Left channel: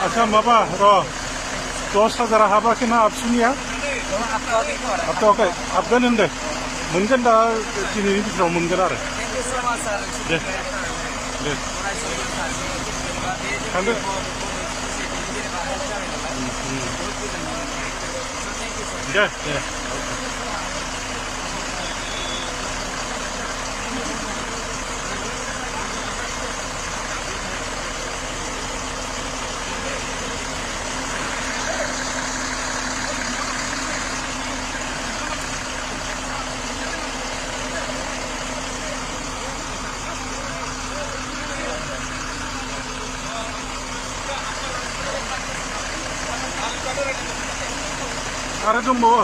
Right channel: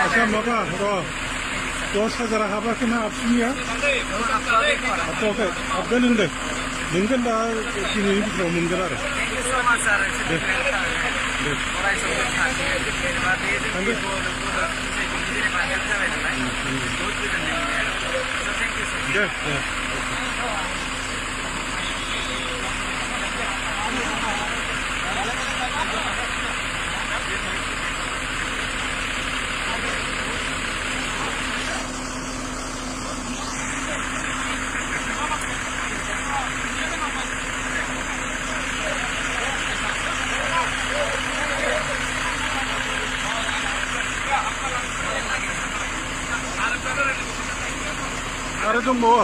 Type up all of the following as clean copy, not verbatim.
अच्छा बाबा रो दस हाजार हाबाखिना आपसिनिया हाबगोन होनदो मोनगोन दा दिनैनि बिथोराव मोनगोन आरो दे थांदो दे दे आरो दंबावो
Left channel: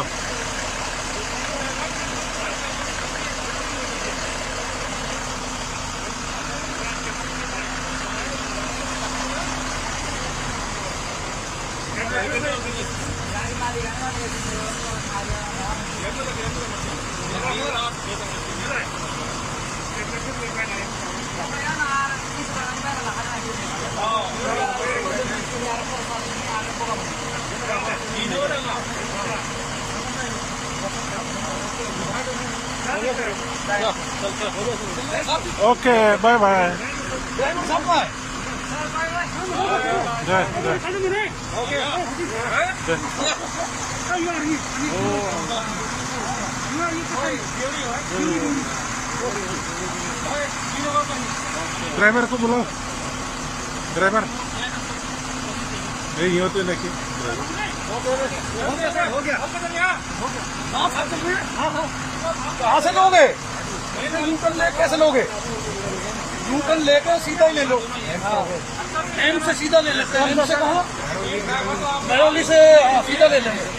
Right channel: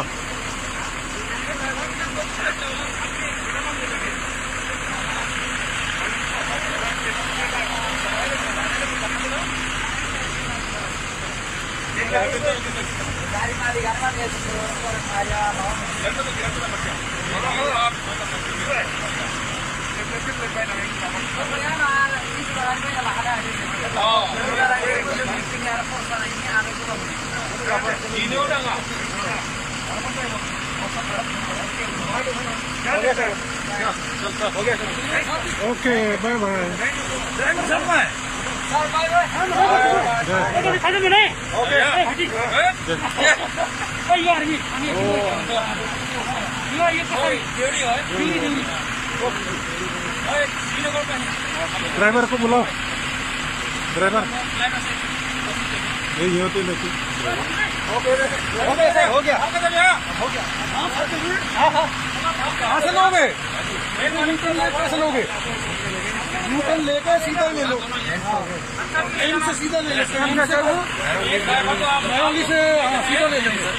ओके बाय बाय ड्राइवर को बुलाओ ड्राइवर ये होते लेके हो गया सर हो गया कहाँ से लोगे न्यूटन ले कैसे लोगे न्यूटन लेके सीधा ले लो एम से सीधा ले लेते महरौली से सीधा ले लेंगे सर